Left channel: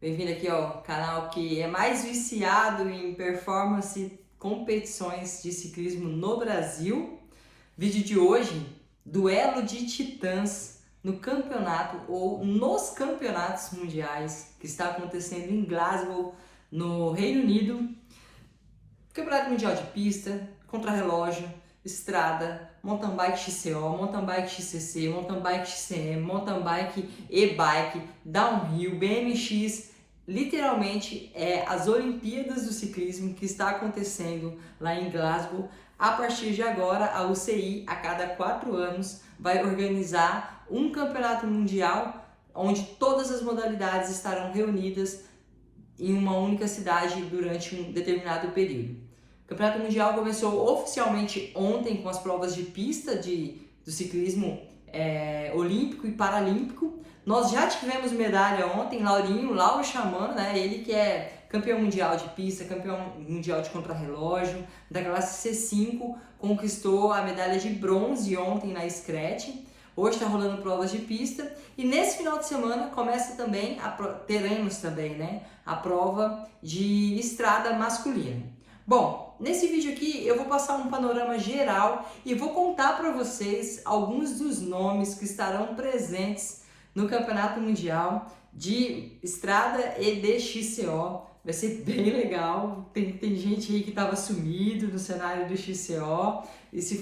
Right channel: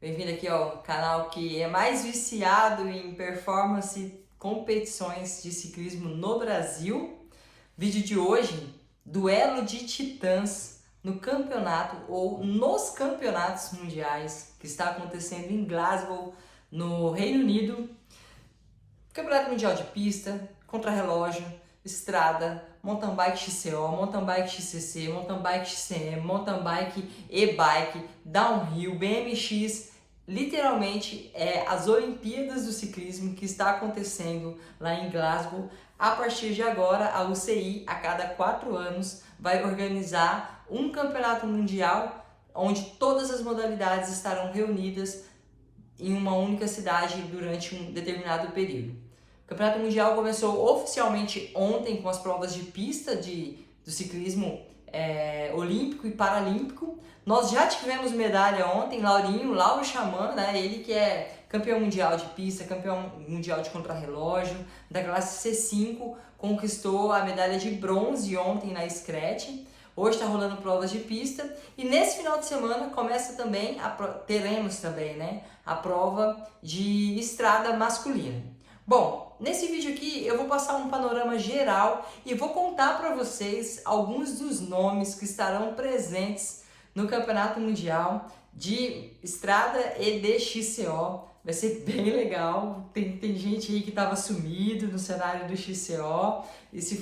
Bem-vindo aqui ao canal que é mais viciado em performance, competições de ciclismo no Brasil. Vídeo de hoje, duelo de titãs no campeonato ou nos campeonatos mundiais que está acontecendo em Glasgow, no Reino Unido. Campeonato Mundial de Pista, Contrarrelógio, Estrada, Mountain Bike XCO, Mountain Bike XCC, Mountain Bike XCM, Mountain Bike e-Bike, Downhill, BMX. Literalmente é as Olimpíadas do Ciclismo que está acontecendo lá em Glasgow. A partir de agora, a UCI, a cada 4 anos, vai organizar um campeonato mundial onde todas as modalidades estarão reunidas em uma única cidade durante um determinado período. O Campeonato Mundial começou oficialmente ontem com as provas de pista do ciclismo olímpico e paralímpico. Nós já tivemos medalha ontem, Lauro Xamã, né? Ele que é campeão mundial de pista, campeão mundial de contrarrelógio, da classe C5, conquistou a medalha de bronze ontem na Scratch. Hoje está rolando provas de pista e nesse final de semana começa também, teremos também, né, a prova de estrada masculina. Bom, nesse vídeo aqui eu vou passar um panorama geral e vou contar para vocês alguns dos nomes que estarão presentes no Campeonato Mundial de Estrada e de XCO. Vai ser bem legal, tem gente aí que estava sumido no cenário do XCO.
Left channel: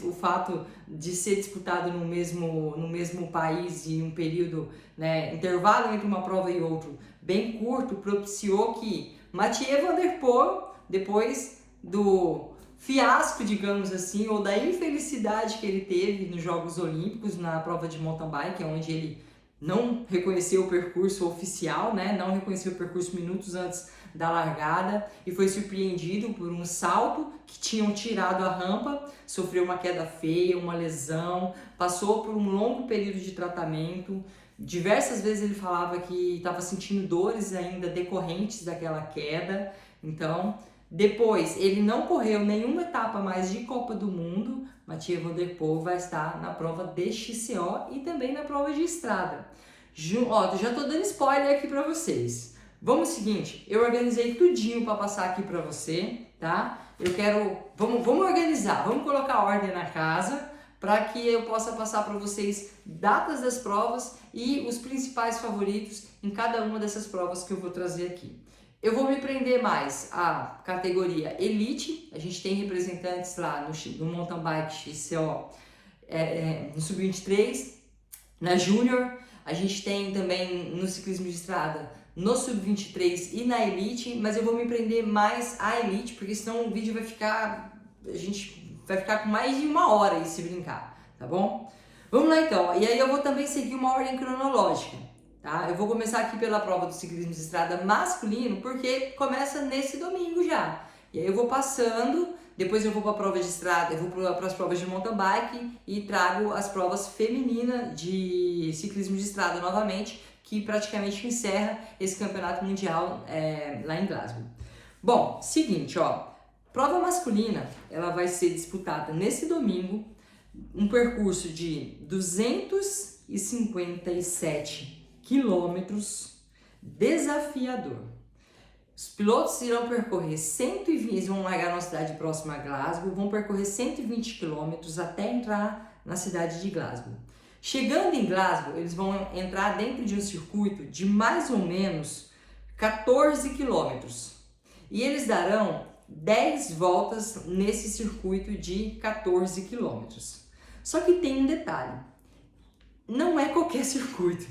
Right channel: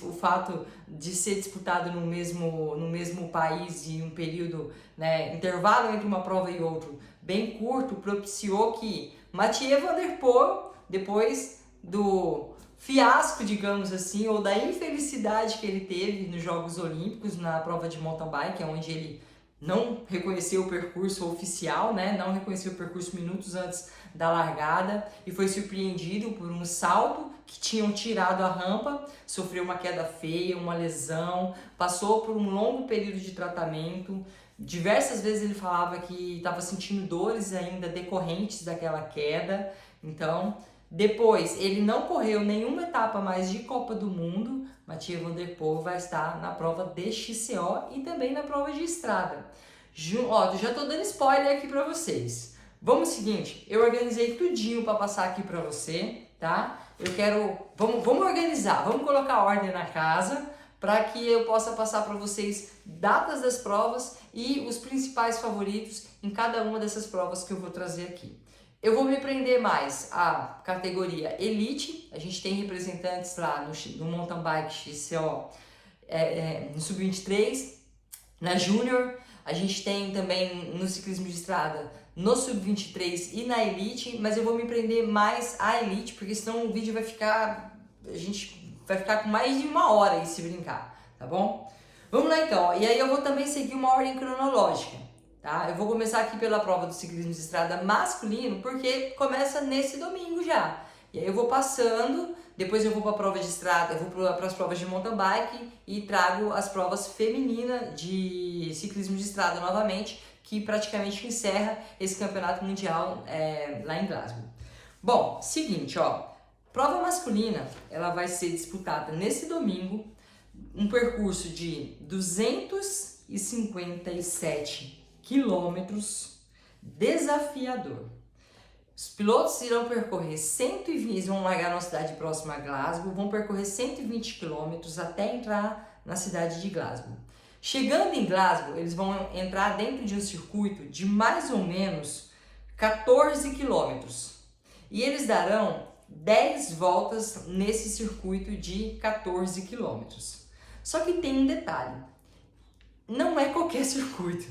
O fato de ser disputado no mesmo país e um período, né, intervalo entre uma prova e outra bem curto, propiciou que Mathieu Van Der Poel, depois do fiasco, digamos assim, ou da infelicidade que ele teve nos Jogos Olímpicos, na prova de mountain bike, onde ele não reconheceu o percurso oficial, né, não reconheceu o percurso minutos antes da largada e foi surpreendido por um salto que tinham tirado a rampa, sofreu uma queda feia, uma lesão, passou por um longo período de tratamento. Diversas vezes ele falava que estava sentindo dores ainda decorrentes daquela queda. Então, depois ele não correu nenhuma etapa mais de Copa do Mundo. Mathieu Van Der Poel vai estar na prova de XCO e também na prova de estrada. Ó, já tô dando spoiler aqui para vocês. Vamos seguinte, eu organizei tudinho para passar aqui para você, tá? Vamos organizar, vamos colocar ordem na casa para que eu possa passar para vocês datas das provas e os principais favoritos em cada uma dessas provas que eu vou trazer aqui. Eu vou me prender mais à categoria Elite, a gente tem representantes lá no Mountain Bike XCO, no Sub-23, na Júnior, a gente tem também no ciclismo de estrada, no Sub-23 e na Elite, mas eu vou me prender mais à Elite, porque senão o vídeo a gente vai ficar com mais de 1 hora aí se brincar, tá bom? Vamos lá então, e aí eu vou também seguir uma ordem cronológica, tá? Eu vou começar aqui pela prova do ciclismo de estrada masculino, porque começa nesse domingo já. E aí eu vou passando, depois eu vou para a prova de estrada, eu vou para as provas de mountain bike e trago as provas femininas de ciclismo de estrada novamente, que praticamente encerra esse campeonato mundial lá em Glasgow. Bom, seguinte, ó, prova masculina, ela vai ser disputada nesse domingo, um percurso de 257 quilômetros, desafiador. Os pilotos irão percorrer 120, eles vão largar numa cidade próxima a Glasgow, vão percorrer 120 quilômetros até entrar na cidade de Glasgow. Chegando em Glasgow, eles vão entrar dentro de um circuito de mais ou menos 14 quilômetros. E eles darão 10 voltas nesse circuito de 14 quilômetros. Só que tem um detalhe, não é qualquer circuito.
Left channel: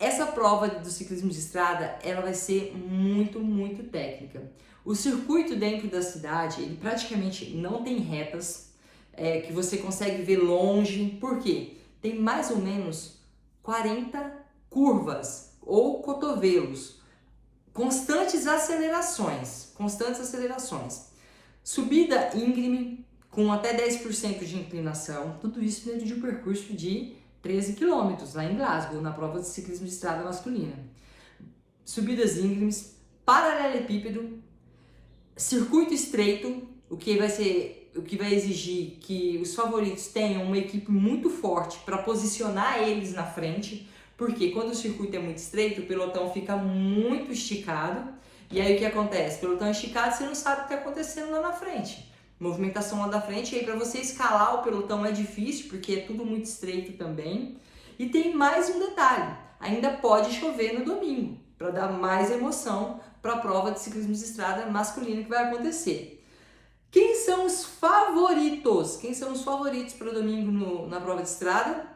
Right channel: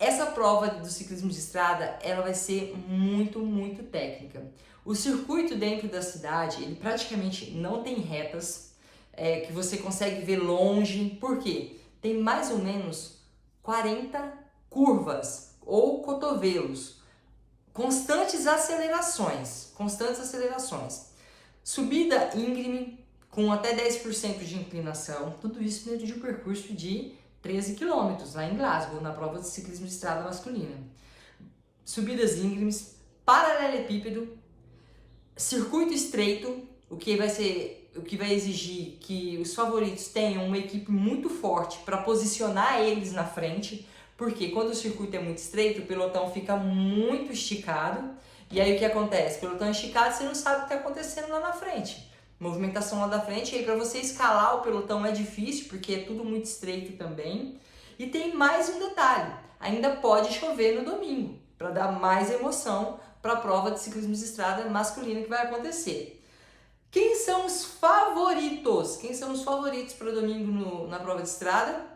Essa prova do ciclismo de estrada, ela vai ser muito, muito técnica. O circuito dentro da cidade, ele praticamente não tem retas, que você consegue ver longe, porque tem mais ou menos 40 curvas ou cotovelos, constantes acelerações, subida íngreme com até 10% de inclinação, tudo isso dentro de um percurso de 13 quilômetros lá em Glasgow, na prova de ciclismo de estrada masculina. Subidas íngremes, paralelepípedo, circuito estreito, o que vai exigir que os favoritos tenham uma equipe muito forte para posicionar eles na frente, Porque quando o circuito é muito estreito, o pelotão fica muito esticado. E aí o que acontece? Pelotão esticado, você não sabe o que está acontecendo lá na frente. Movimentação lá da frente, e aí para você escalar o pelotão é difícil, porque é tudo muito estreito também. E tem mais um detalhe, ainda pode chover no domingo, para dar mais emoção para a prova de ciclismo de estrada masculina que vai acontecer. Quem são os favoritos? Quem são os favoritos para domingo na prova de estrada?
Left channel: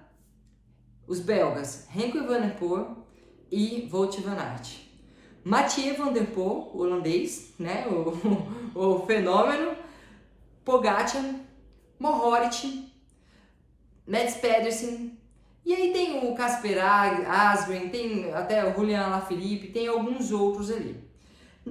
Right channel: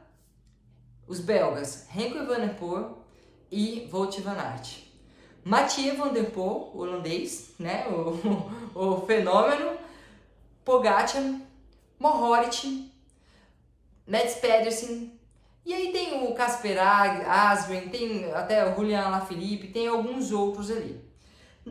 Os belgas Remco Evenepoel e Wout van Aert. Mathieu van der Poel, holandês, né? o fenômeno, Pogacar, Mohoric, Mads Pedersen, e aí tem o Casper Asgreen, tem até o Julian Alaphilippe, tem alguns outros ali.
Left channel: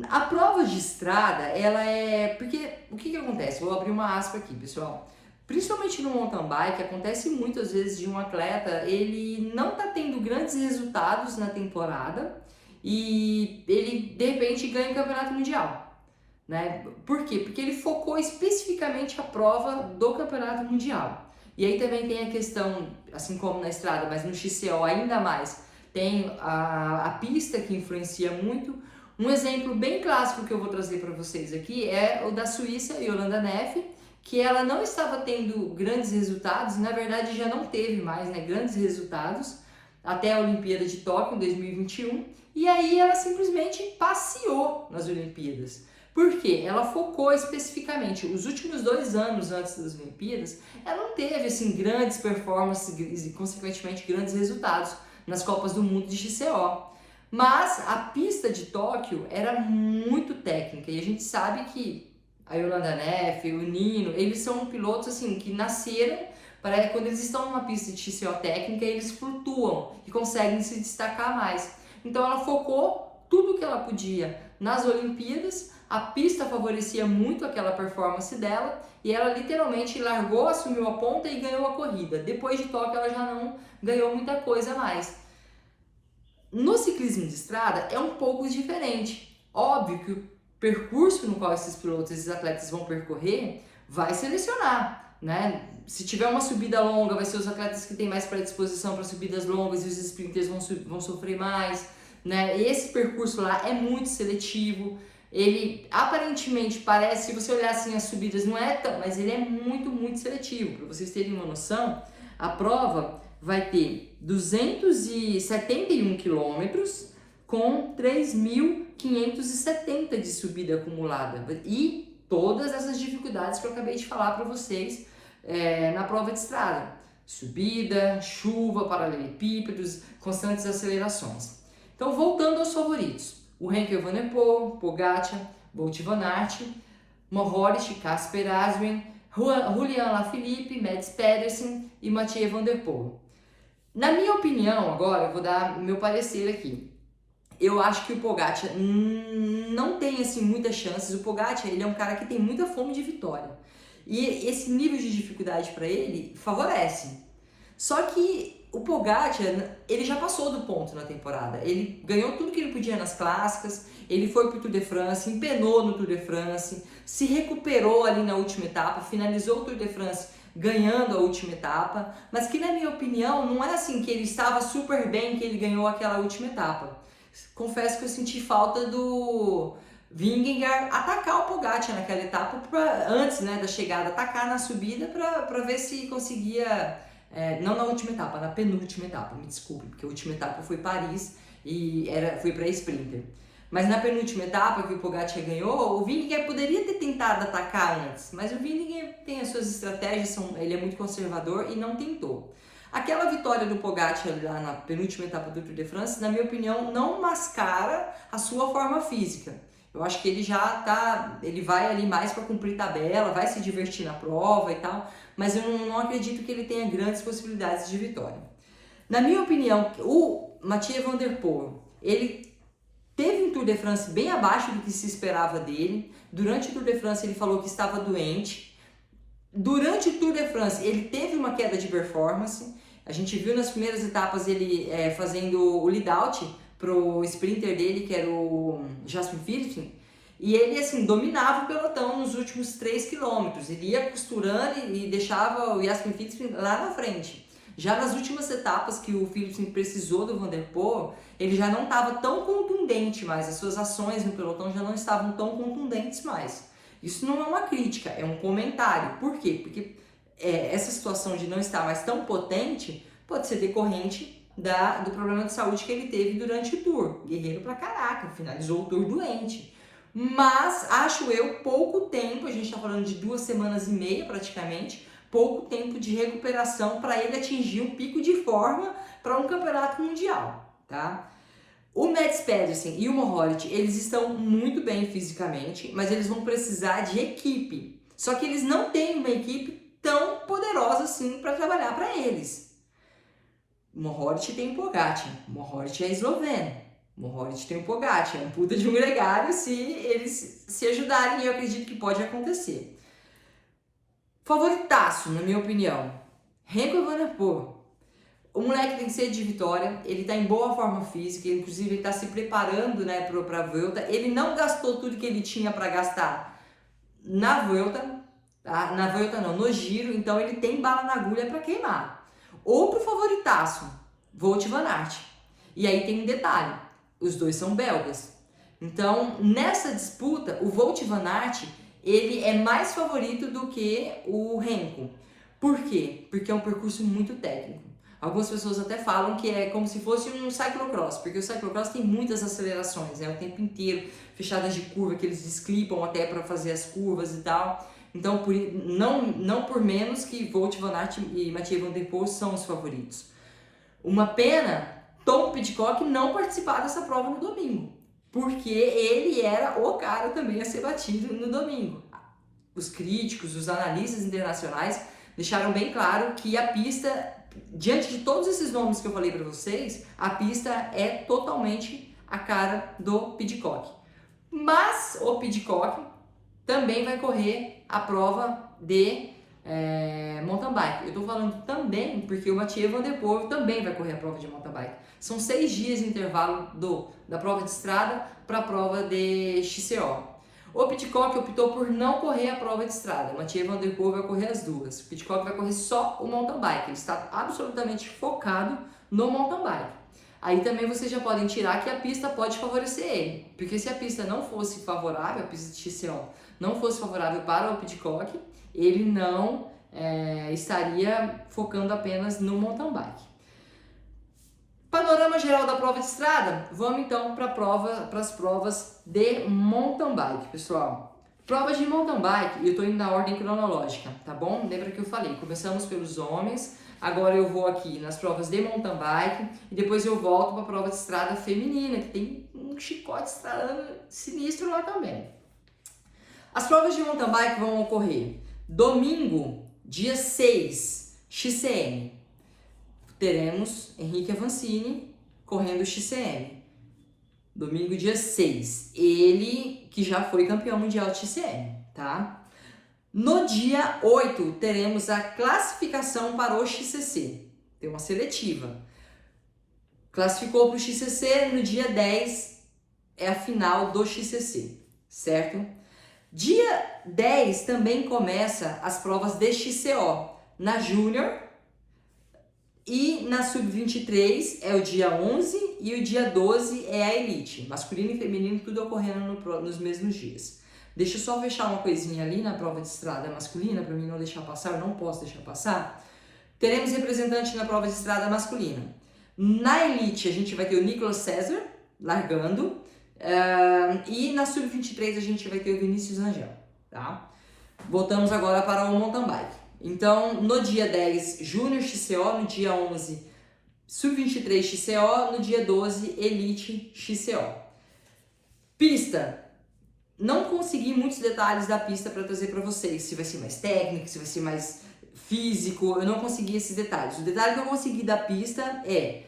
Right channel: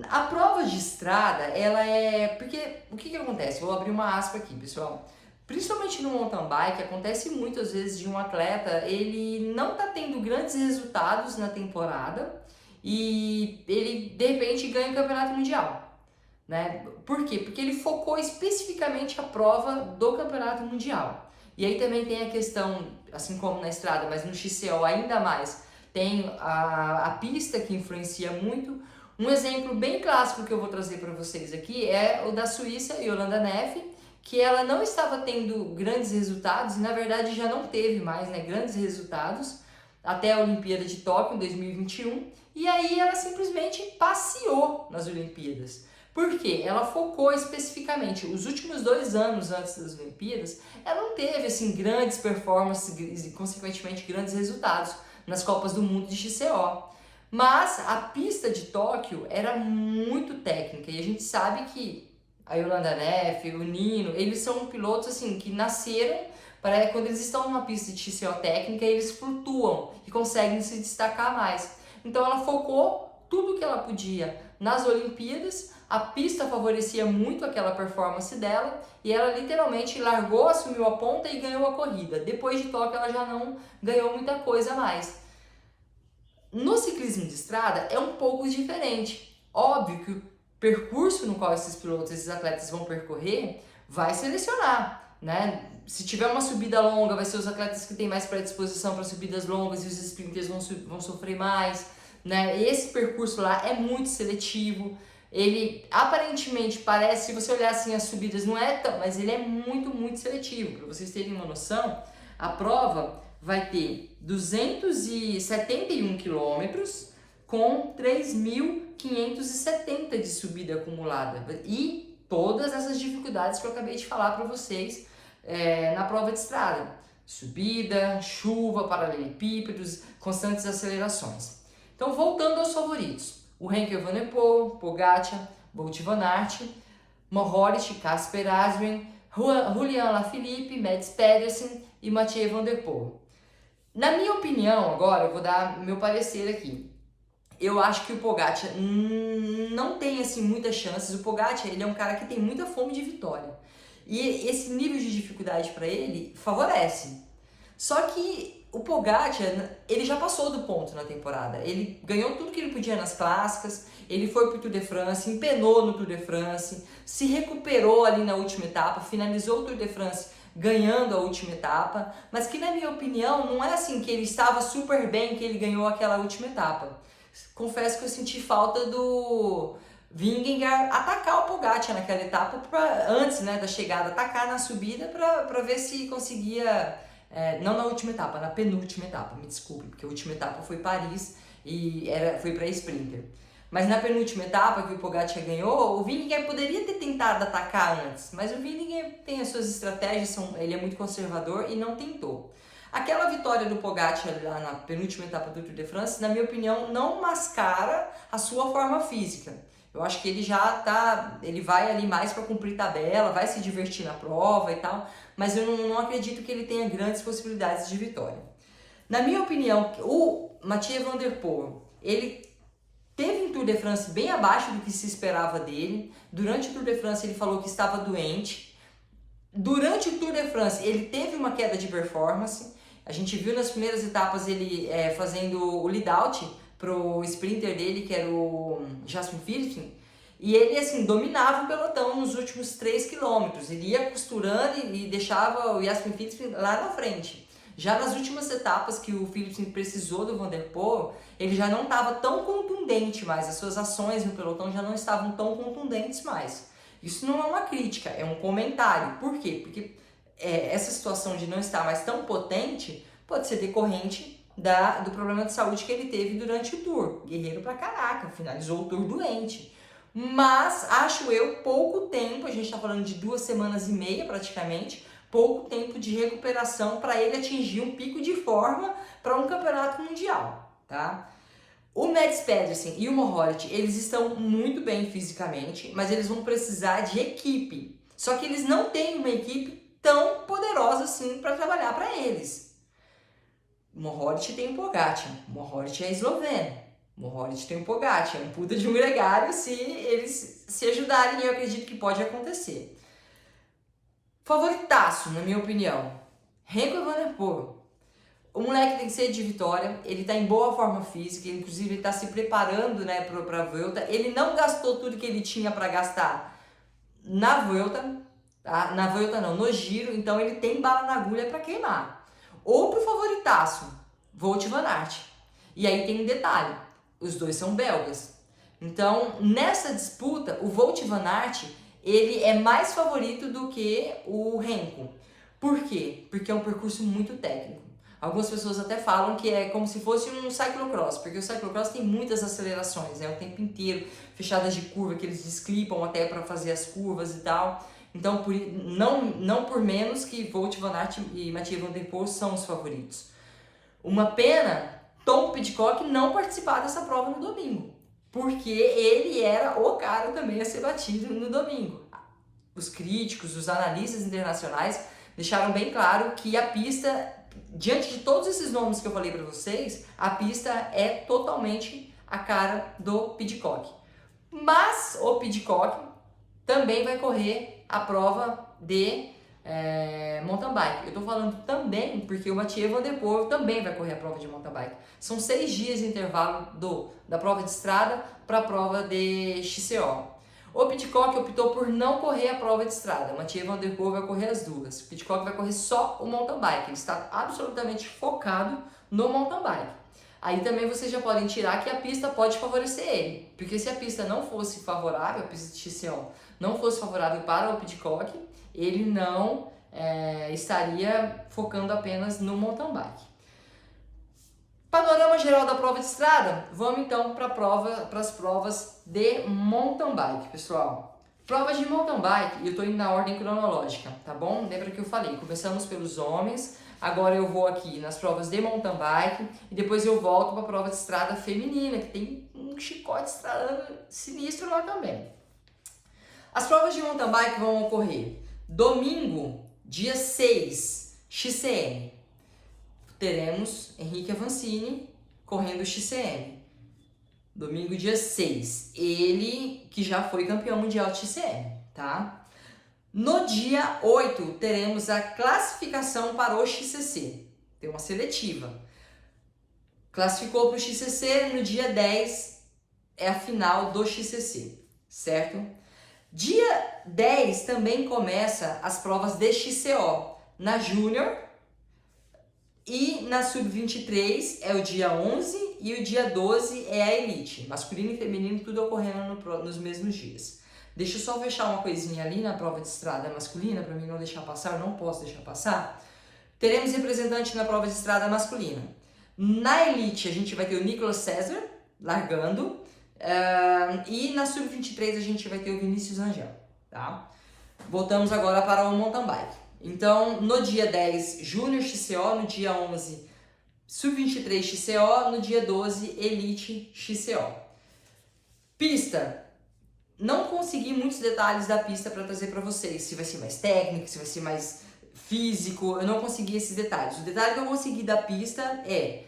A prova de estrada, ela é... Porque o que acontece? Vou abrir uma aspa aqui, pessoal. Principalmente no mountain bike, acontece muitas vezes de um atleta, ele não tá tendo grandes resultados na temporada e ele, de repente, ganha o campeonato mundial, né? Por quê? Porque ele focou especificamente a prova do campeonato mundial. E aí também tem a questão, assim como na estrada, mas no XCO ainda mais, tem a pista que influencia muito. Um exemplo bem clássico que eu vou trazer para vocês aqui é o da Suíça, Jolanda Neff, que ela não estava tendo grandes resultados, e na verdade já não teve mais, né, grandes resultados, até a Olimpíada de Tóquio em 2021, e aí ela simplesmente passeou nas Olimpíadas. Por quê? Ela focou especificamente, os últimos 2 anos antes das Olimpíadas, ela não teve assim, grandes performances e consequentemente grandes resultados nas Copas do Mundo de XCO. Mas a pista de Tóquio era muito técnica, e a gente sabe que a Jolanda Neff, o Nino, eles são pilotos assim que nasceram para quando eles estão numa pista de XCO técnica, eles flutuam e conseguem se destacar mais. Então ela focou tudo que ela podia nas Olimpíadas, a pista favorecia muito aquela performance dela e ela literalmente largou, assumiu a ponta e ganhou a corrida. Depois de Tóquio ela já não ganhou muita coisa mais. No ciclismo de estrada é um pouco diferente. Óbvio que o percurso no qual esses pilotos, esses atletas vão percorrer, vai selecionar, né? Se tiver uma subida longa, vai ser os atletas que têm mais predisposição para subidas longas e os sprinters vão sofrer mais, né? Esse percurso lá é muito seletivo. Ele aparentemente parece, se você olhar assim as subidas, não é tão, mas ele é muito seletivo. Para vocês terem uma noção, a prova vai ter 271 quilômetros com 3.570 de subida acumulada e todas essas dificuldades que eu acabei de falar para vocês na prova de estrada. Subida, chuva, paralelepípedos, constantes acelerações. Então, voltando aos favoritos. O Remco Evenepoel, Pogacar, Wout van Aert, Mohoric, Casper Asgreen, Julian Alaphilippe, Mads Pedersen e Mathieu van der Poel. Na minha opinião, agora eu vou dar meu parecer aqui. Eu acho que o Pogacar não tem assim muitas chances. O Pogacar, ele é um cara que tem muita fome de vitória. E esse nível de dificuldade para ele favorece. Só que o Pogacar, ele já passou do ponto na temporada. Ele ganhou tudo que ele podia nas clássicas, ele foi pro Tour de France, empenou no Tour de France, se recuperou ali na última etapa, finalizou o Tour de France ganhando a última etapa, mas que na minha opinião não é assim que ele estava super bem que ele ganhou aquela última etapa. Confesso que eu senti falta do Vingegaard atacar o Pogacar naquela etapa, antes, né, da chegada, atacar na subida para ver se conseguia, não na última etapa, na penúltima etapa, me desculpe, porque a última etapa foi Paris e foi para sprinter. Mas na penúltima etapa que o Pogacar ganhou, o Vingegaard poderia ter tentado atacar antes, mas o Vingegaard tem as suas estratégias, ele é muito conservador e não tentou. Aquela vitória do Pogacar lá na penúltima etapa do Tour de France, na minha opinião, não mascara a sua forma física. Eu acho que ele ele vai ali mais para cumprir tabela, vai se divertir na prova e tal, mas eu não acredito que ele tenha grandes possibilidades de vitória. Na minha opinião, o Mathieu van der Poel, ele teve um Tour de France bem abaixo do que se esperava dele. Durante o Tour de France ele falou que estava doente. Durante o Tour de France ele teve uma queda de performance. A gente viu nas primeiras etapas ele fazendo o lead-out pro sprinter dele, que era o Jasper Philipsen, e ele assim dominava o pelotão nos últimos 3 km. Ele ia costurando e deixava o Jasper Philipsen lá na frente. Já nas últimas etapas que o Philipsen precisou do Van der Poel, ele já não estava tão contundente mais, as suas ações no pelotão já não estavam tão contundentes mais. Isso não é uma crítica, é um comentário. Por quê? Porque essa situação de não estar mais tão potente pode ser decorrente do problema de saúde que ele teve durante o Tour. Guerreiro pra caraca, finalizou o Tour doente. Mas, acho eu, pouco tempo, a gente tá falando de 2 semanas e meia praticamente, pouco tempo de recuperação para ele atingir um pico de forma para um campeonato mundial, tá? O Mads Pedersen e o Mohoric, eles estão muito bem fisicamente, mas eles vão precisar de equipe. Só que eles não têm uma equipe tão poderosa assim para trabalhar para eles. O Mohoric tem o Pogacar, o Mohoric é esloveno, o Mohoric tem o Pogacar, é um puta de um gregário, se eles se ajudarem, eu acredito que pode acontecer. Favoritaço, na minha opinião, Remco Evenepoel. O moleque tem sede de vitória, ele tá em boa forma física, inclusive ele tá se preparando, né, pra Vuelta. Ele não gastou tudo que ele tinha para gastar na Vuelta, tá? Na Vuelta não, no Giro, então ele tem bala na agulha para queimar. Outro favoritaço, Wout van Aert. E aí tem um detalhe, os dois são belgas. Então, nessa disputa, o Wout van Aert, ele é mais favorito do que o Remco. Por quê? Porque é um percurso muito técnico. Algumas pessoas até falam que é como se fosse um cyclocross, porque o cyclocross tem muitas acelerações, né? O tempo inteiro, fechadas de curva, que eles desclipam até para fazer as curvas e tal. Então, não por menos que Wout van Aert e Mathieu Van Der Poel são os favoritos. Uma pena, Tom Pidcock não participar dessa prova no domingo, porque ele era o cara também a ser batido no domingo. Os críticos, os analistas internacionais deixaram bem claro que a pista, diante de todos esses nomes que eu falei para vocês, a pista é totalmente a cara do Pidcock. Mas o Pidcock também vai correr a prova de mountain bike. Eu estou falando também porque o Mathieu Van Der Poel também vai correr a prova de mountain bike. São 6 dias de intervalo da prova de estrada para a prova de XCO. O Pidcock optou por não correr a prova de estrada. O Mathieu Van Der Poel vai correr as duas. O Pidcock vai correr só o mountain bike. Ele está absolutamente focado no mountain bike. Aí também vocês já podem tirar que a pista pode favorecer ele. Porque se a pista não fosse favorável, a pista de XCO não fosse favorável para o Pidcock, ele não estaria focando apenas no mountain bike. Panorama geral da prova de estrada, vamos então para as provas de mountain bike, pessoal. Provas de mountain bike, eu estou indo na ordem cronológica, tá bom? Lembra que eu falei, começamos pelos homens, agora eu vou aqui nas provas de mountain bike e depois eu volto para a prova de estrada feminina, que tem um chicote estralando sinistro lá também. As provas de mountain bike vão ocorrer domingo, dia 6, XCM. Teremos Henrique Avancini correndo XCM. Domingo, dia 6. Ele que já foi campeão mundial de XCM, tá? No dia 8, teremos a classificação para o XCC. Tem uma seletiva. Classificou para o XCC, no dia 10 é a final do XCC, certo? Dia 10 também começa as provas de XCO. Na Júnior e na Sub-23 é o dia 11 e o dia 12 é a Elite. Masculino e feminino tudo ocorrendo nos mesmos dias. Deixa eu só fechar uma coisinha ali na prova de estrada masculina, para mim não deixar passar, eu não posso deixar passar. Teremos representante na prova de estrada masculina. Na Elite a gente vai ter o Nicolas César largando. E na Sub-23 a gente vai ter o Vinícius Rangel, tá? Voltamos agora para o mountain bike. Então, no dia 10, Júnior XCO, no dia 11, Sub-23 XCO, no dia 12, Elite XCO. Pista. Não consegui muitos detalhes da pista para trazer para vocês, se vai ser mais técnico, se vai ser mais físico, eu não consegui esses detalhes. O detalhe que eu consegui da pista é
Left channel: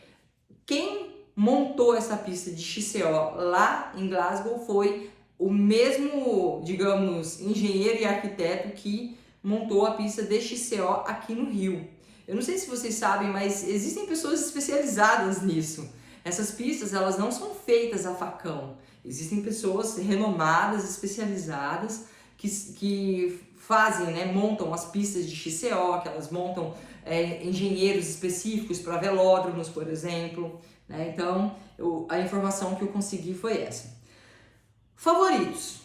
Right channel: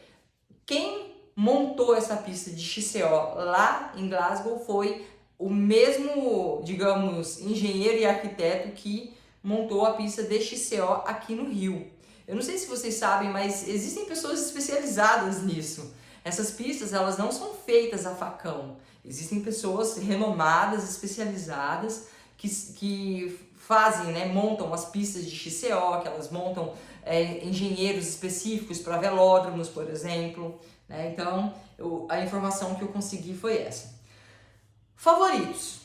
quem montou essa pista de XCO lá em Glasgow foi o mesmo, digamos, engenheiro e arquiteto que montou a pista de XCO aqui no Rio. Eu não sei se vocês sabem, mas existem pessoas especializadas nisso. Essas pistas, elas não são feitas a facão. Existem pessoas renomadas, especializadas, que fazem, né, montam as pistas de XCO, que elas montam engenheiros específicos para velódromos, por exemplo, né? Então, a informação que eu consegui foi essa. Favoritos.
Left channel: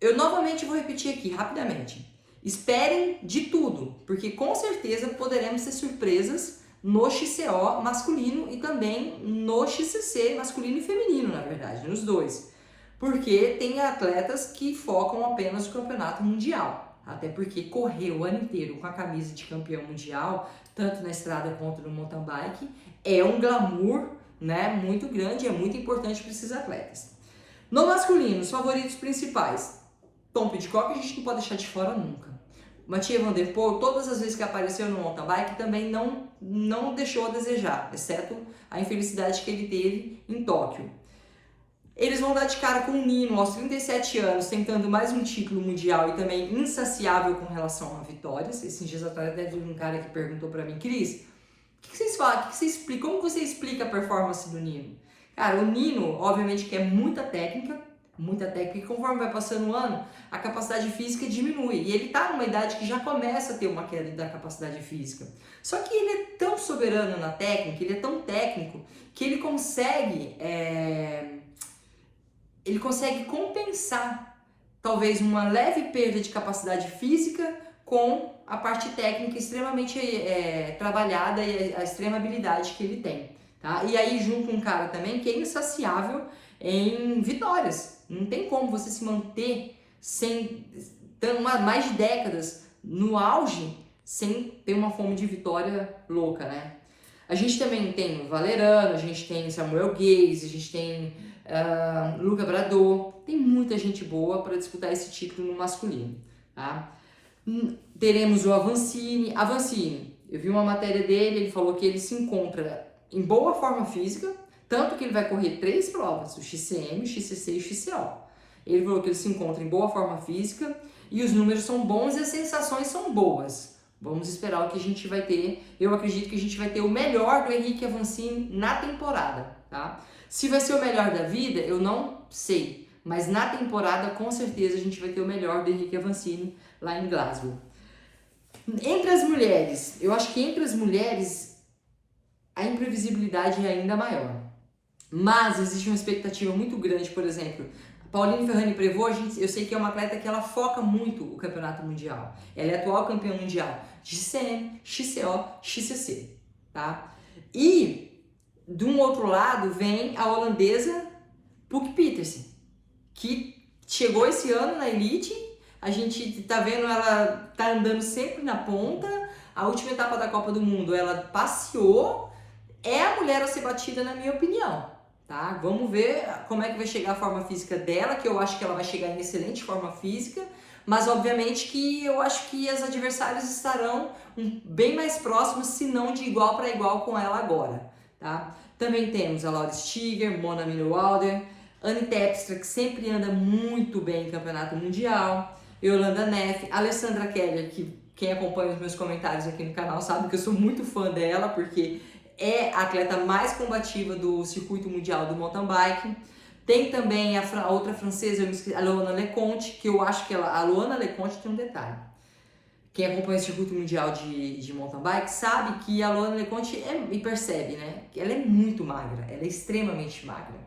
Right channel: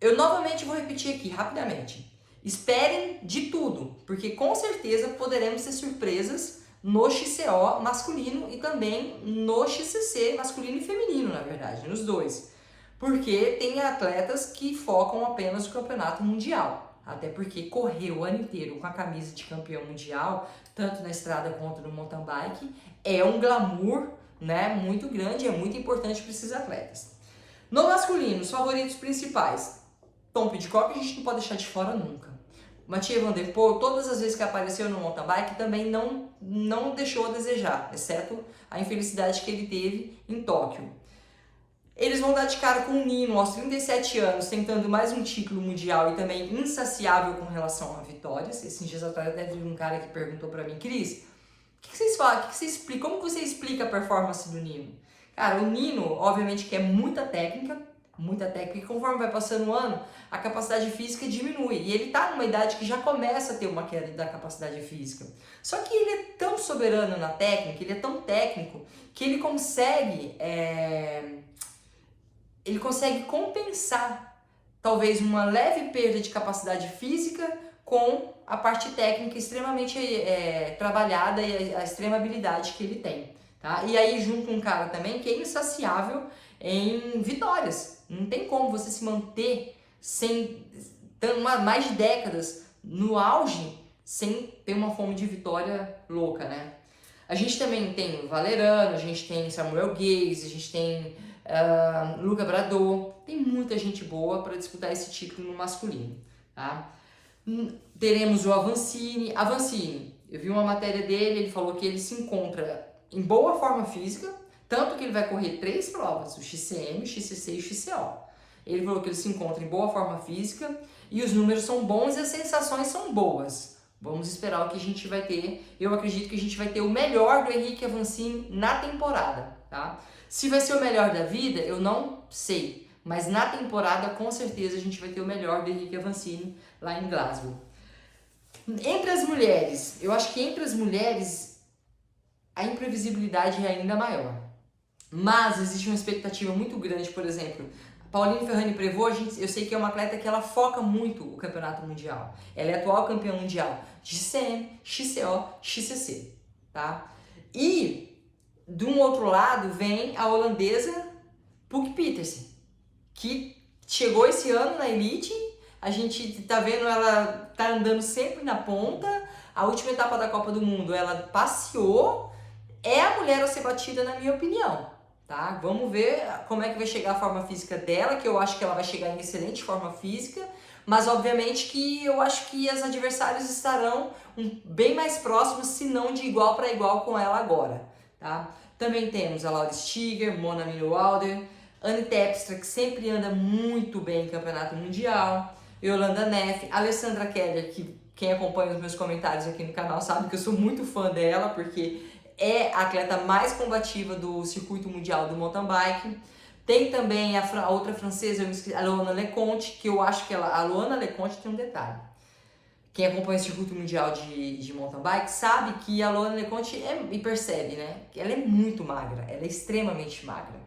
Eu novamente vou repetir aqui rapidamente. Esperem de tudo, porque com certeza poderemos ter surpresas no XCO masculino e também no XCC masculino e feminino, na verdade, nos dois. Porque tem atletas que focam apenas no campeonato mundial. Até porque correr o ano inteiro com a camisa de campeão mundial, tanto na estrada quanto no mountain bike, é um glamour, né, muito grande, é muito importante para esses atletas. No masculino, os favoritos principais. Tom Pidcock a gente não pode deixar de fora nunca. Mathieu Van Der Poel, todas as vezes que apareceu no mountain bike, também não deixou a desejar, exceto a infelicidade que ele teve em Tóquio. Eles vão dar de cara com o Nino aos 37 anos, tentando mais um título mundial e também insaciável com relação a vitórias. Esses dias atrás teve um cara que perguntou pra mim, Cris, o que vocês falam? Como você explica a performance do Nino? Cara, o Nino, obviamente que é muita técnica, e conforme vai passando o ano, a capacidade física diminui. E ele tá numa idade que já começa a ter uma queda da capacidade física. Só que ele é tão soberano na técnica, ele é tão técnico, que ele consegue compensar talvez uma leve perda de capacidade física com a parte técnica extremamente trabalhada e a extrema habilidade que ele tem. Tá? E aí junto um cara também que é insaciável em vitórias. Não tem como você se manter mais de décadas no auge sem ter uma fome de vitória louca, né? A gente também tem o Valerano, a gente tem Samuel Gaze, a gente tem Luca Brador, tem muita gente boa para disputar esse título no masculino, tá? Teremos o Avancini. Eu vi uma matéria dele, ele falou que ele se encontra em boa forma física, tanto que ele vai correr 3 provas, o XCM, o XCC e o XCO. Ele falou que ele se encontra em boa forma física e os números são bons e as sensações são boas. Vamos esperar o que a gente vai ter. Eu acredito que a gente vai ter o melhor do Henrique Avancini na temporada, tá? Se vai ser o melhor da vida, eu não sei. Mas na temporada, com certeza, a gente vai ter o melhor do Henrique Avancini lá em Glasgow. Entre as mulheres, eu acho que entre as mulheres a imprevisibilidade é ainda maior. Mas existe uma expectativa muito grande, por exemplo, Pauline Ferrani-Prévot, eu sei que é uma atleta que ela foca muito o campeonato mundial. Ela é atual campeã mundial de XCM, XCO, XCC, tá? E, de um outro lado, vem a holandesa Pook Pietersen, que chegou esse ano na elite, a gente tá vendo ela tá andando sempre na ponta, a última etapa da Copa do Mundo ela passeou, é a mulher a ser batida na minha opinião. Tá? Vamos ver como é que vai chegar a forma física dela, que eu acho que ela vai chegar em excelente forma física, mas obviamente que eu acho que as adversárias estarão bem mais próximas, se não de igual para igual com ela agora. Tá? Também temos a Laura Stiger, Mona Minowalder, Anne Terpstra, que sempre anda muito bem em campeonato mundial, Yolanda Neff, Alessandra Keller, que quem acompanha os meus comentários aqui no canal sabe que eu sou muito fã dela, porque é a atleta mais combativa do circuito mundial do mountain bike. Tem também a outra francesa, a Loana Leconte, que eu acho que a Loana Leconte tem um detalhe. Quem acompanha o circuito mundial de mountain bike sabe que a Loana Leconte e percebe, né? Que ela é muito magra, ela é extremamente magra.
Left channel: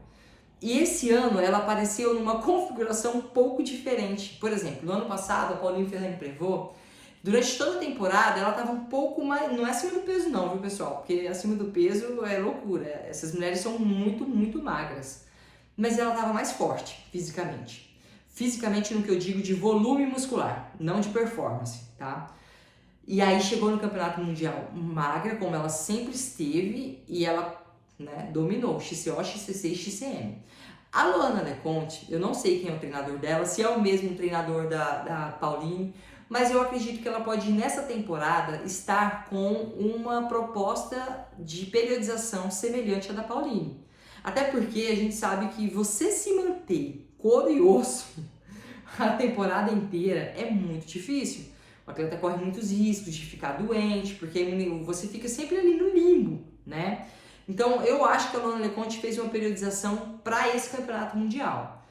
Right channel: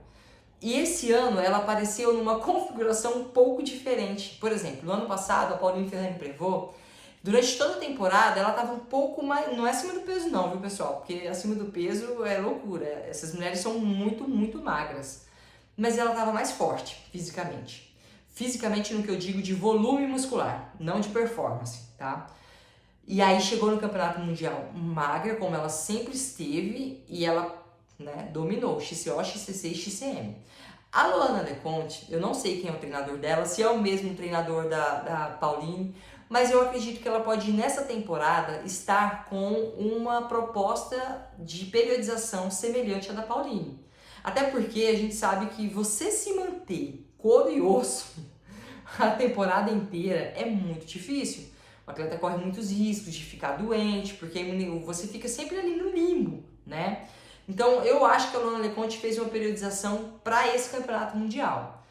E esse ano ela apareceu numa configuração um pouco diferente. Por exemplo, no ano passado, a Pauline Ferrani-Prévot, durante toda a temporada, ela estava um pouco mais... Não é acima do peso não, viu, pessoal? Porque acima do peso é loucura. Essas mulheres são muito, muito magras. Mas ela estava mais forte, fisicamente. Fisicamente no que eu digo de volume muscular, não de performance, tá? E aí chegou no Campeonato Mundial magra, como ela sempre esteve, e ela, né, dominou XCO, XCC e XCM. A Loana Leconte, eu não sei quem é o treinador dela, se é o mesmo treinador da Pauline, mas eu acredito que ela pode, nessa temporada, estar com uma proposta de periodização semelhante à da Pauline. Até porque a gente sabe que você se manter couro e osso a temporada inteira é muito difícil. O atleta corre muitos riscos de ficar doente, porque você fica sempre ali no limbo, né? Então, eu acho que a Loana Leconte fez uma periodização para esse campeonato mundial.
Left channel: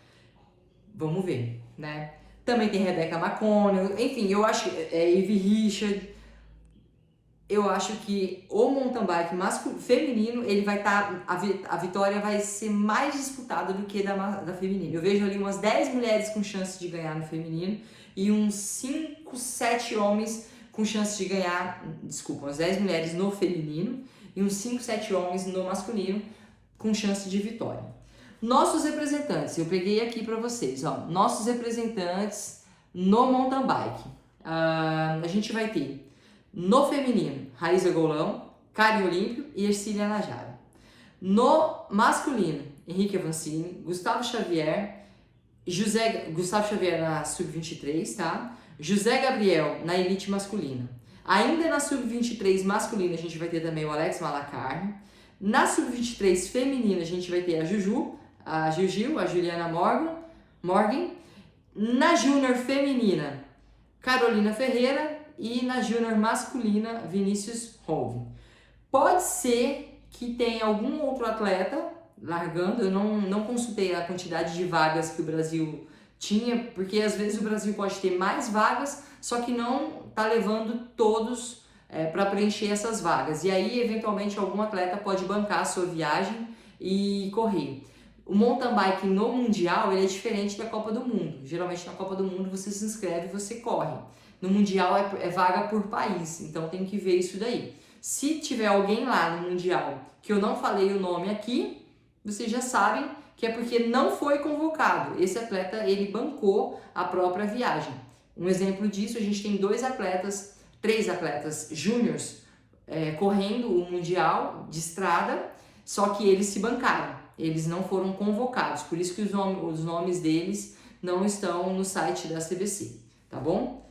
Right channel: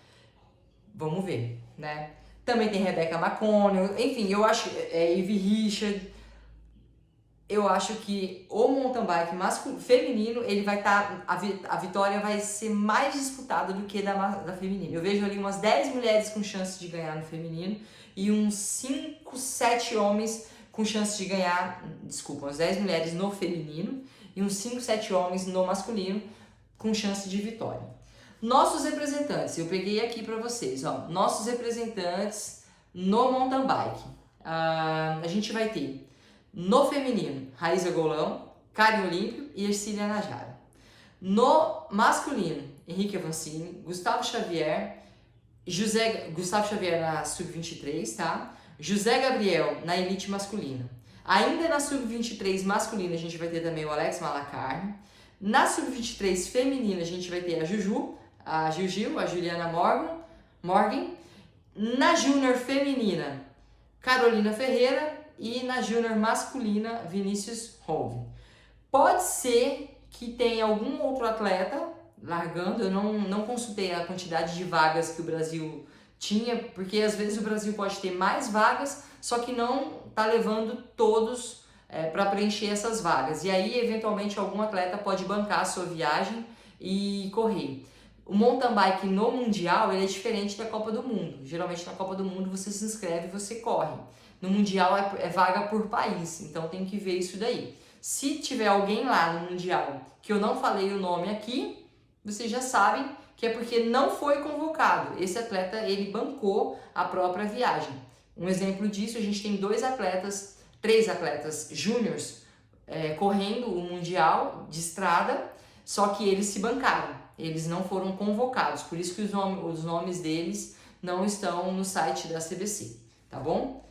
Vamos ver, né? Também tem Rebecca McConnell, enfim, eu acho Evie Richard. eu acho que o mountain bike feminino, ele vai estar, a vitória vai ser mais disputada do que da feminina. Eu vejo ali umas 10 mulheres com chance de ganhar no feminino e uns 5, 7 homens com chance de ganhar, desculpa, umas 10 mulheres no feminino e uns 5, 7 homens no masculino com chance de vitória. Nossos representantes, eu peguei aqui para vocês, ó, nossos representantes no mountain bike. A gente vai ter no feminino, Raíza Golão, Karen Olímpio e Ercília Najara. No masculino, Henrique Avancini, Gustavo Xavier na Sub-23, tá? José Gabriel na elite masculina. Ainda na Sub-23 masculina, a gente vai ter também o Alex Malacarne. Na Sub-23 feminina, a gente vai ter a Gil, a Juliana Morgan. Na Júnior feminina, Carolina Ferreira. E na Júnior masculina, Vinícius Hove. Pode ser que tenha algum outro atleta largando, eu não consultei a quantidade de vagas que o Brasil tinha, porque às vezes o Brasil pode ter mais vagas, só que não está levando todos para preencher essas vagas. E aí, eventualmente, algum atleta pode bancar a sua viagem e correr. O mountain bike no Mundial ele é diferente da Copa do Mundo. Geralmente na Copa do Mundo você se inscreve e você corre. No Mundial é vaga por país, então tem que ver isso daí. Se tiver alguém lá no Mundial que eu não falei o nome aqui, vocês já sabem que é porque não foi convocado. Esse atleta, ele bancou a própria viagem. Um exemplo disso, a gente tem 3 atletas júniors correndo o Mundial de estrada, só que eles se bancaram. Eles não foram convocados, por isso que os nomes deles não estão no site da CBC, tá bom?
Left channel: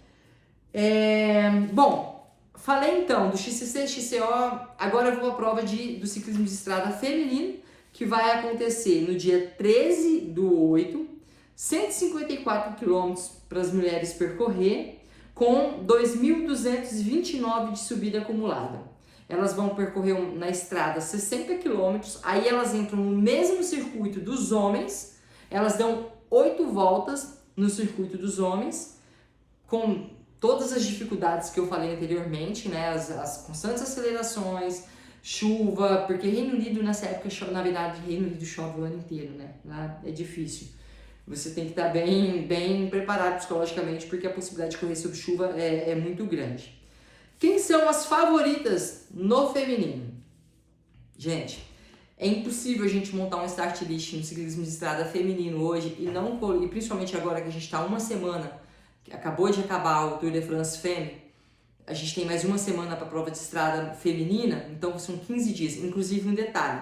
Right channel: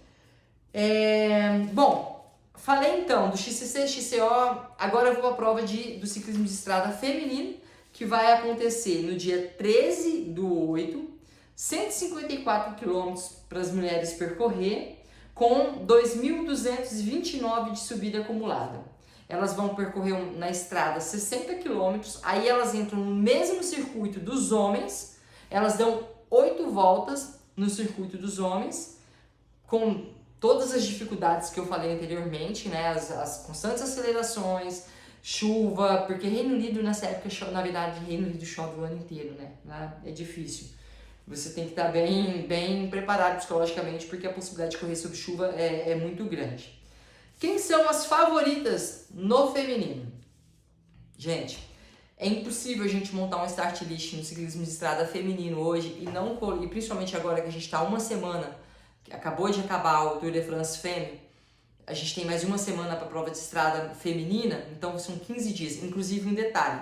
Bom, falei então do XCC, XCO, agora eu vou para a prova do ciclismo de estrada feminino, que vai acontecer no dia 13/8, 154 km para as mulheres percorrer, com 2.229 de subida acumulada. Elas vão percorrer na estrada 60 km, aí elas entram no mesmo circuito dos homens, elas dão 8 voltas no circuito dos homens, com todas as dificuldades que eu falei anteriormente, né? As constantes acelerações, chuva, porque Reino Unido nessa época, na verdade, Reino Unido chove o ano inteiro, né? Lá é difícil. Você tem que estar bem preparado psicologicamente, porque a possibilidade de correr sob chuva é muito grande. Quem são as favoritas no feminino? Gente, é impossível a gente montar um start list no ciclismo de estrada feminino hoje e principalmente agora que a gente está uma semana, que acabou de acabar o Tour de France Femme, a gente tem mais uma semana para a prova de estrada feminina, então são 15 dias. Inclusive, um detalhe,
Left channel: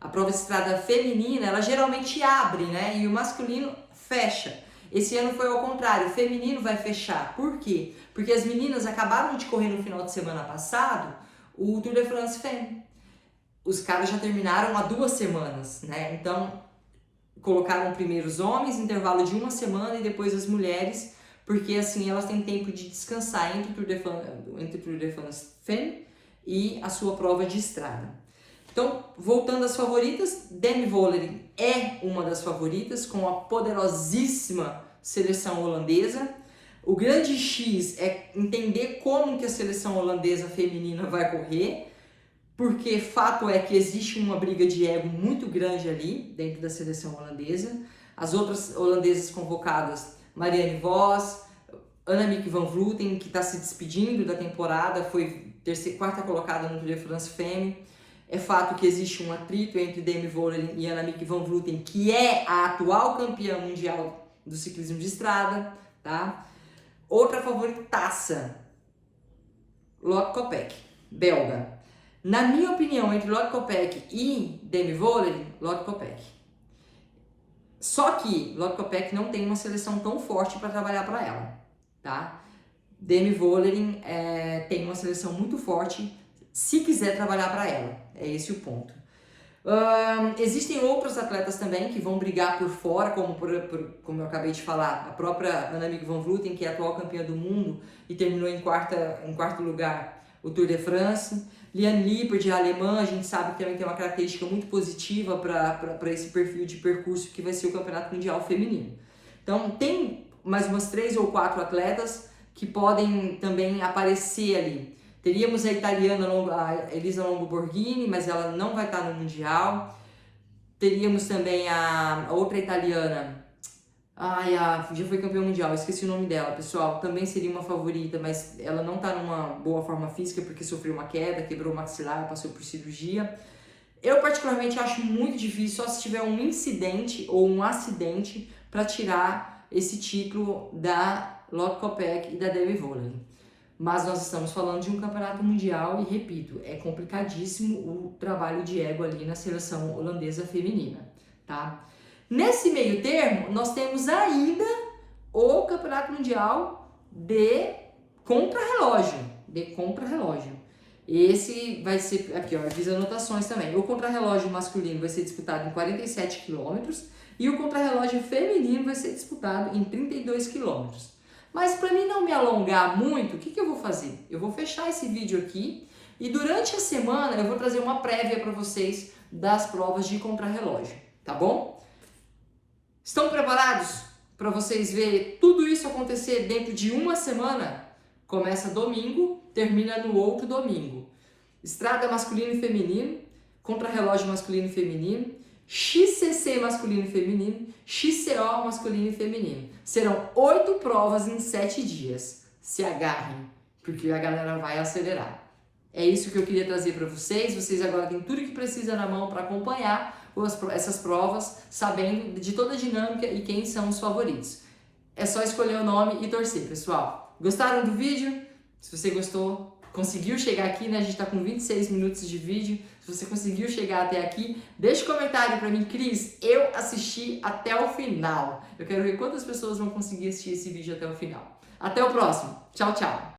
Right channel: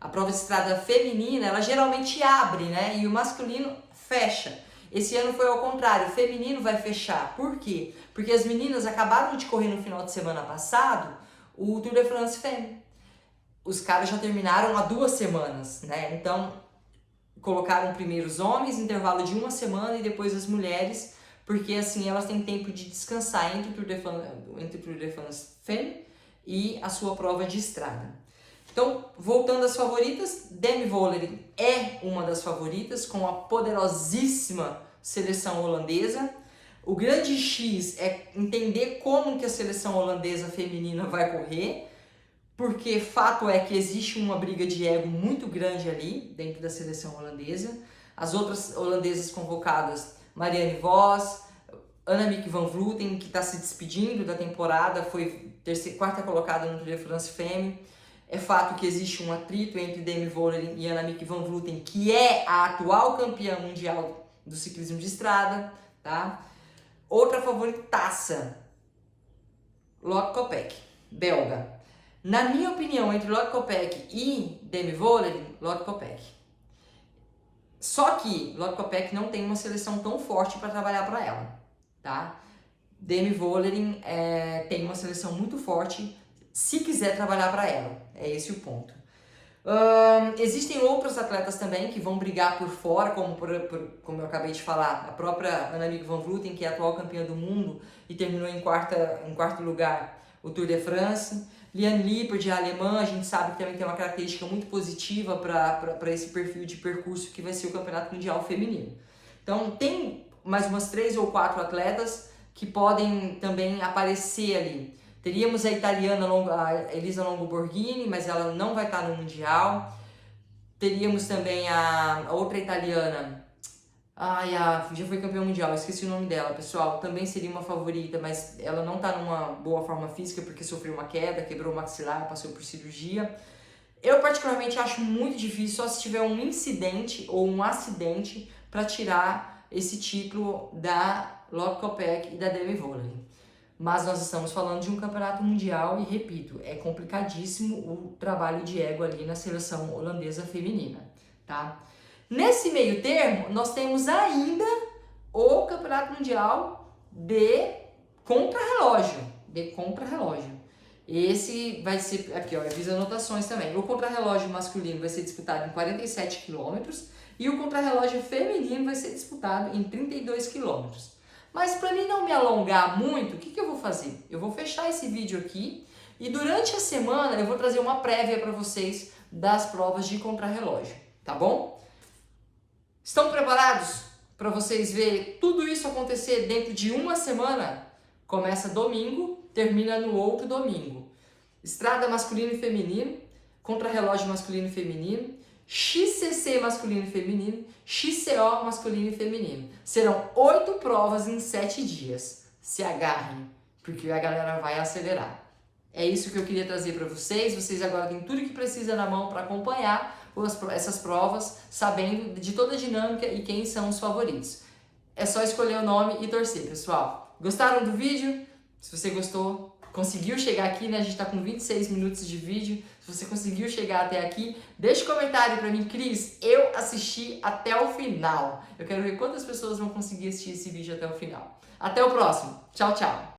a prova de estrada feminina, ela geralmente abre, né? E o masculino fecha. Esse ano foi ao contrário, o feminino vai fechar. Por quê? Porque as meninas acabaram de correr no final de semana passado o Tour de France Femme. Os caras já terminaram há 2 semanas, né? Então, colocaram primeiro os homens, intervalo de 1 semana, e depois as mulheres, porque assim elas têm tempo de descansar entre o Tour de France Femme e a sua prova de estrada. Então, voltando às favoritas, Demi Vollering é uma das favoritas, com a poderosíssima seleção holandesa. O grande X é entender como que a seleção holandesa feminina vai correr, porque fato é que existe uma briga de ego muito grande ali, dentro da seleção holandesa. As outras holandesas convocadas, Marianne Vos, Annemiek van Vleuten, que está se despedindo da temporada, foi 4ª colocada no Tour de France Femme. É fato que existe um atrito entre Demi Vollering e Annemiek van Vleuten, que é a atual campeã mundial do ciclismo de estrada, tá? Outra favoritaça, Lotte Kopeck, belga. Na minha opinião, entre Lotte Kopeck e Demi Vollering, Lotte Kopeck. Só que Lotte Kopeck não tem uma seleção tão forte para trabalhar para ela, tá? Demi Vollering tem uma seleção muito forte se quiser trabalhar para ela. É esse o ponto. Existem outros atletas também que vão brigar por fora, como eu acabei de falar, a própria Annemiek van Vleuten, que é a atual campeã do mundo e terminou em quarto lugar o Tour de France. Liane Lippert, a alemã, a gente sabe que também tem uma característica muito positiva para esse perfil de percurso que vai ser o Campeonato Mundial Feminino. Então, tem mais umas 3 ou 4 atletas que podem também aparecer ali. Teríamos a italiana a Elisa Longo Borghini, mas ela não vai estar no Mundial. Teríamos também a outra italiana, já foi campeã mundial, esqueci o nome dela, pessoal. Também seria uma favorita, mas ela não tá numa boa forma física porque sofreu uma queda, quebrou o maxilar, passou por cirurgia. Eu particularmente acho muito difícil, só se tiver um incidente ou um acidente para tirar esse título da Lotte Kopeck e da Demi Vollering. Mas nós estamos falando de um campeonato mundial e, repito, é complicadíssimo o trabalho de ego ali na seleção holandesa feminina, tá? Nesse meio termo, nós temos ainda o campeonato mundial de contrarrelógio, Esse vai ser, aqui ó, eu fiz anotações também. O contrarrelógio masculino vai ser disputado em 47 km e o contrarrelógio feminino vai ser disputado em 32 km. Mas para mim não me alongar muito, o que eu vou fazer? Eu vou fechar esse vídeo aqui e durante a semana eu vou trazer uma prévia para vocês das provas de contrarrelógio, tá bom? Estão preparados para vocês verem tudo isso acontecer dentro de uma semana? Começa domingo, termina no outro domingo. Estrada masculino e feminino, contrarrelógio masculino e feminino, XCC masculino e feminino, XCO masculino e feminino. Serão 8 provas em 7 dias. Se agarrem, porque a galera vai acelerar. É isso que eu queria trazer para vocês. Vocês agora têm tudo que precisa na mão para acompanhar essas provas, sabendo de toda a dinâmica e quem são os favoritos. É só escolher o nome e torcer, pessoal. Gostaram do vídeo? Se você gostou, conseguiu chegar aqui, né? A gente tá com 26 minutos de vídeo. Se você conseguiu chegar até aqui, deixa um comentário pra mim, Cris, eu assisti até o final. Eu quero ver quantas pessoas vão conseguir assistir esse vídeo até o final. Até o próximo. Tchau, tchau.